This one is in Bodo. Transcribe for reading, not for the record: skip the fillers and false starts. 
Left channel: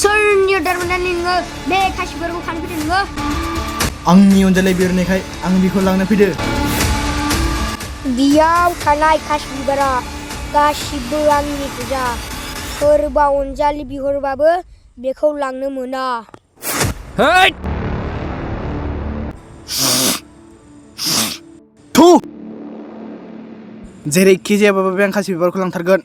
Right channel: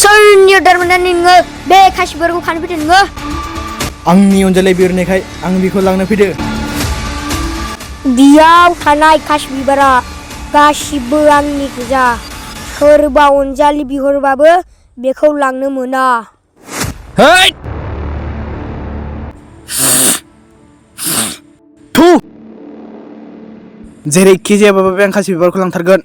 सोरनि दारमाने नोङो बे खासि बिबारखौ खानो फैदों नोङो? आंनि अनजालि बिहरनायखाय आं बेखौ लांनो फैदो। बेयाव थानाय खासि बिबारा गासिबो आंनि गोजा। सोरबा अनजालि बिहरबाबो बेखौ लांनो मोना। है! थु! जेरैखि जायाबाबो बे आं खासि बिबारखौ लांथारगोन।